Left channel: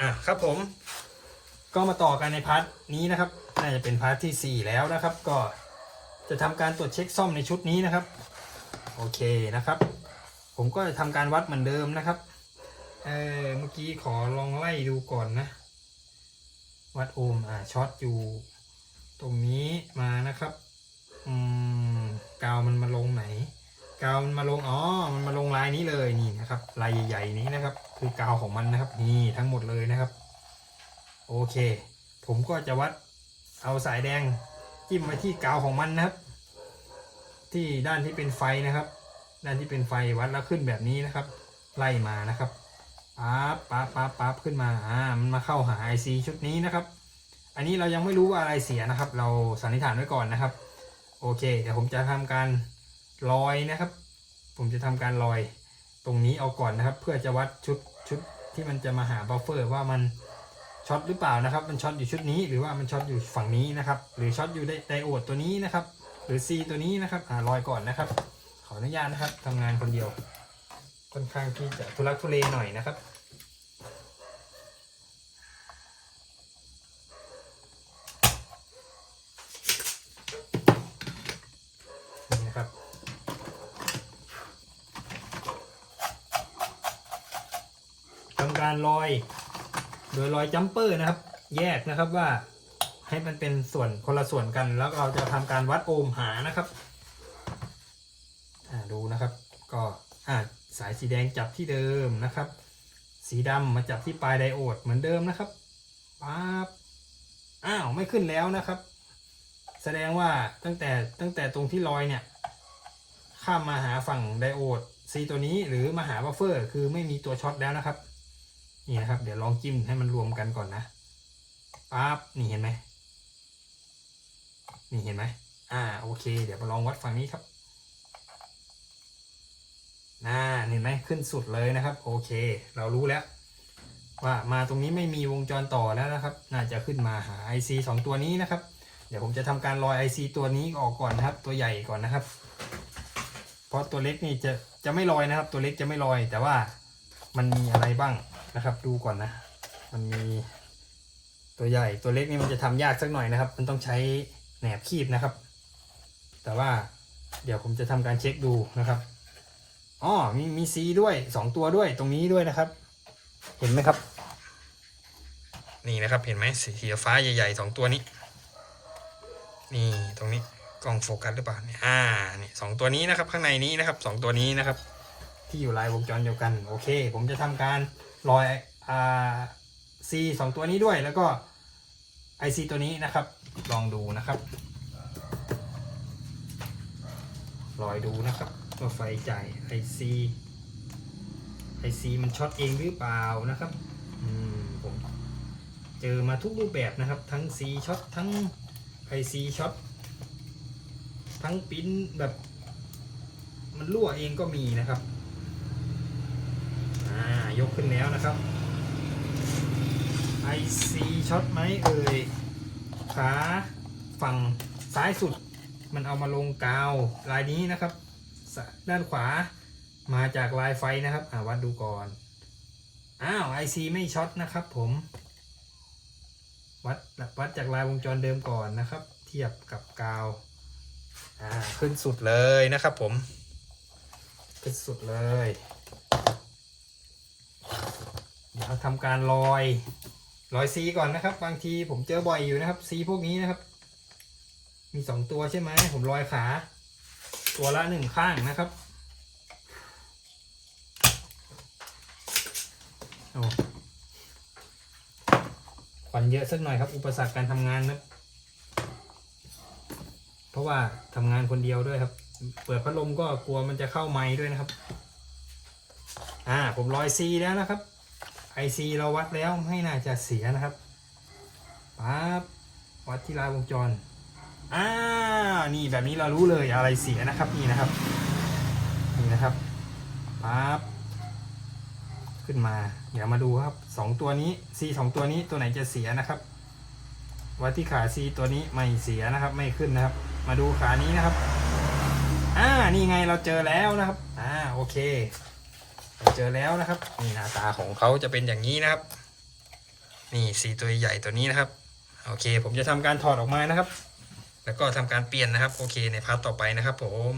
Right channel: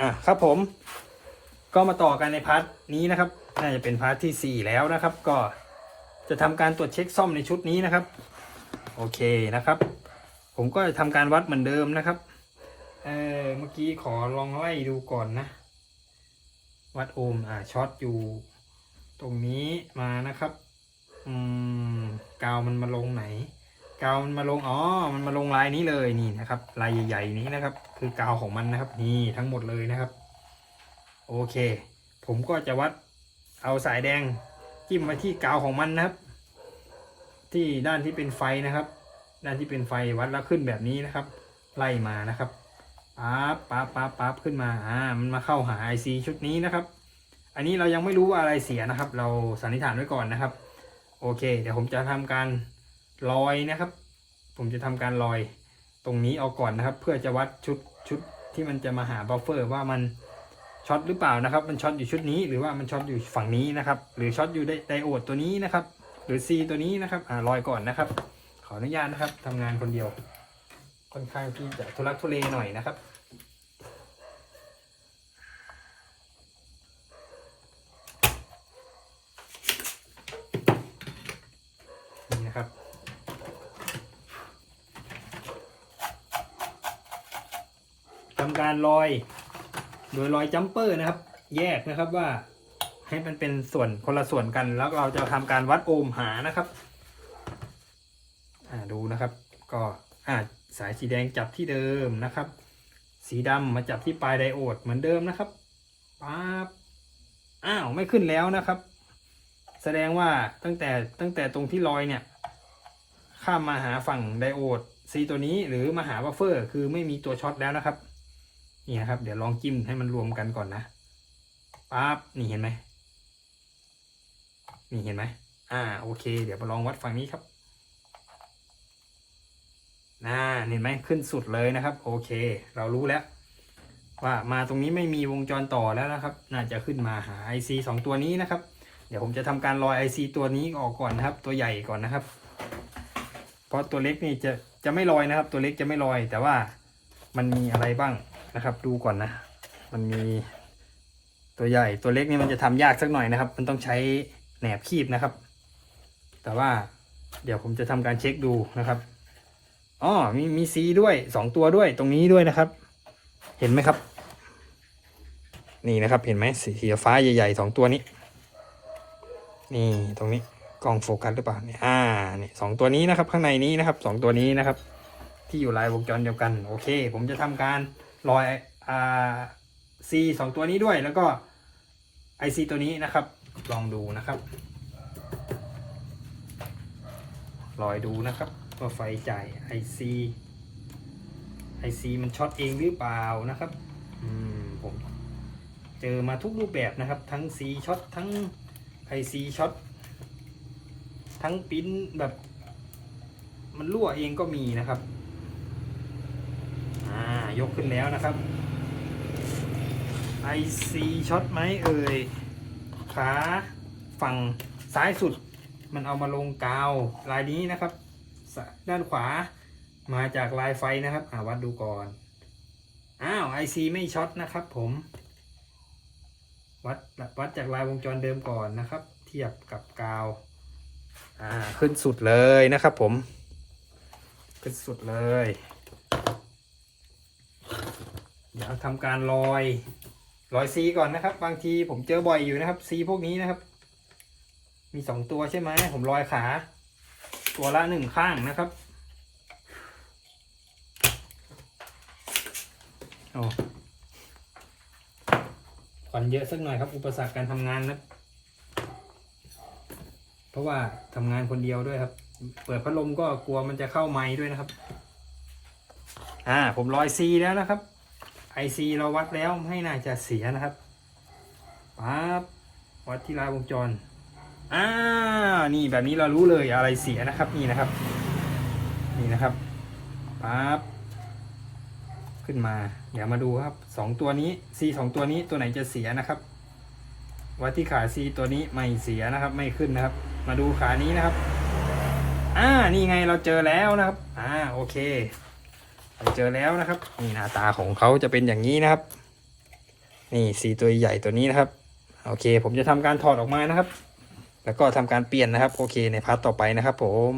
อะครับผม ก็มาต่อกันในพาร์ทนี้นะครับ น่าจะเป็นพาร์ทที่สี่แล้วนะครับ ก็จะทำการตรวจเช็คซ่อมในชุดนี้นะครับ โอเคนะครับ ผมก็จะทำการวัดเหมือนเดิมนะครับ เออเมื่อกี้ขอลองไล่ดูก่อนนะ วัดโอห์มอ่าช็อตอยู่ ตรงนี้มานะครับ อืมกาวมันมาลงไหน กาวมันมาลงอ๋อมันมาลงลายนี้เลยนี่นะครับลายใหญ่ๆนี้นะครับ คือกาวของมันนะครับนี่ทั้งหมดเลยนะครับ โอเค ผมก็จะวัดเอาสายแดงจิ้มไว้ที่กาวของมันนะครับ ที่ด้านที่เป็นไฟนะครับ ด้านที่เป็นไฟวัดแล้วขึ้นแบบนี้นะครับ ไล่มานะครับปั๊บปั๊บปั๊บปั๊บขึ้นมาอ่ามันมาเข้าหา IC ชุดนี้นะครับ อันนี้เรายังไม่รู้ว่าอะไรเสียนะครับ เราสันนิษฐานไว้ก่อนนะครับ โอเค เดี๋ยวผมจะทำการ ลอยนะครับ ผมจะทำการลอยตรงนี้เอาก่อนนะครับ เพื่อจะวัดชุดชุดที่มันจะมาหาบัฟเฟอร์ว่ามันช็อตหรือเปล่านะครับ มันช็อตอยู่ชุดนี้หรือว่ามันช็อตอยู่ฝั่งนี้นะครับ หรือช็อตอยู่ไดไดโอดตัวนี้นะครับ หรือ C ตัวนี้นะครับอ่าลอยก่อนนะครับ ขออนุญาตนะครับทำงานคนเดียว ค่อนข้างที่จะทุลักทุเลหน่อยนะครับ นี่นะครับ ทำการลอย โดยลอยจัมเปอร์นะครับ แยกนะครับว่าให้มันเป็นส่วนคนละส่วนกัน แล้วเราจะทำการวัดโอห์มหานะครับดูนะครับ ก็อ่าสายสีแดงจับที่เดิมนะครับ สีดำมาจับที่ปลายไดโอดเหมือนเดิมนะครับปั๊บอ้าวไม่ขึ้นแล้วนะครับ แสดงว่าตั้งแต่ตั้งแต่ตรงที่ลอยเนี่ย ข้ามมาหาฝั่งไดโอดซีตัวนี้หรือมาหาบัฟเฟอร์ คือไม่มีตัวช็อตแล้วนะครับ นี่นะครับ เดี๋ยวลองจิ้มให้มันรวมกันก่อนนะปั๊บนี่เห็นไหมนี่เห็นไหมอ่าโอเค เดี๋ยวมาลองวัดฝั่งนี้ครับน่าเห็นไหมขึ้นสุดเลยนะครับ โอเค เรารู้แล้ว ว่ามาตรงนี้ไม่มีวงจรต่อแล้วนะครับ น่าจะขึ้นมาหา IC สองตัวนี้นะครับ เดี๋ยวผมจะทำการลอย IC ตัวนี้ออกก่อนนะครับ ตัวใหญ่ก่อนนะครับ เพราะตัวเล็กนี่จะจะไม่ลอยนะครับ ตัวเล็กจะไม่ลอย แต่ว่ามันมีอะไรบ้าง นะครับ ดูก่อนนะ มันมีตัวใหญ่ตัวเล็กนี่มันจะทำยากสักหน่อยนะครับ มันต้องใช้แหนบคีบนะครับ แต่ว่าเดี๋ยวผมจะทำการเช็คดูนะครับอ๋อมีมีซีด้วยสองตัวด้วยตรงนี้ด้วยนะครับ เห็นไหมครับ นี่นะครับเห็นไหมสีฟ้าใหญ่ๆสองตัวนี้ นี่ตรงนี้กล้องโฟกัสหรือเปล่าเนี่ยอ่านี่สองตัวนี้นะครับ ข้างในนี้นะครับสองตัวนี้นะครับ ที่อยู่ลายวงจรเดียวกัน โอเค ผมจะทำการ ลอยอ่าซีสองตัวนี้ด้วยแล้วก็ไอซีตัวนี้นะครับ ลองดูนะครับ ลอยดูนะครับว่าไฟจ่ายไอซีไอซีมันช็อตเองหรือเปล่านะครับอืมผมเจอมาทุกรูปแบบนะครับ ทั้งซีช็อตทั้งไอซีช็อตทั้งปิ้นแบบ มันรั่วเองก็มีนะครับายกขึ้นแล้วนะครับ IC ช็อตไหมเอ่ยขาฝั่งซ้ายสุด มันเอามาลงกาวลายนี้นะครับ ด้านขวามาจากลายไฟนะครับอาวัดดูก่อน อ้าว IC ไม่ช็อตนะครับผม วัดวัดจากลายวงจรเดิมก่อนนะครับ เทียบกับกาวขึ้นสุดเลยนะครับผม ขึ้นสุดเลย ทำการลอยลอยซีก่อนนะครับ บางทีผมเจอบ่อยอยู่นะครับซีพวกนี้นะครับ มีสองตัวใช่ไหมผมลอยขา ตัวละหนึ่งข้างนะครับโอ้ควันเยอะสักหน่อยครับ อุปสรรคการทำงานนะเพราะว่าทำงานคนเดียวด้วยครับ เปิดพัดลมก็กลัวมันจะเข้าไม้ด้วยนะครับ อ่า ผมลอยซีแล้วนะครับ ไอซีเราวัดแล้วไม่น่าจะเสียนะครับปั๊บวัดที่ลายวงจรอ่านี่แบบนี้เรารู้เลยอะไรเสียนะครับนี่นะครับ นี่นะครับปั๊บขึ้นมา เดี๋ยวมาดูครับสองตัวนี้ซีสองตัวนี้ตัวไหนจะเสียนะครับ วัดที่ขาซีตัวนี้ไม่เสียนะครับไม่ขึ้นนะครับ มาดูขานี้นะครับอ่านี่ไงเราเจอแล้วนะครับอ่าโอเค เจอแล้วนะครับ นี่หน้าตาของเขาจะเป็นอย่างนี้นะครับ นี่สีตัวใหญ่ตัวนี้นะครับ โอเค ผมจะทำการถอดออกมานะครับ แล้วก็ทำการเปลี่ยนนะครับ โอเคในพาร์ทต่อไปนะครับ ผม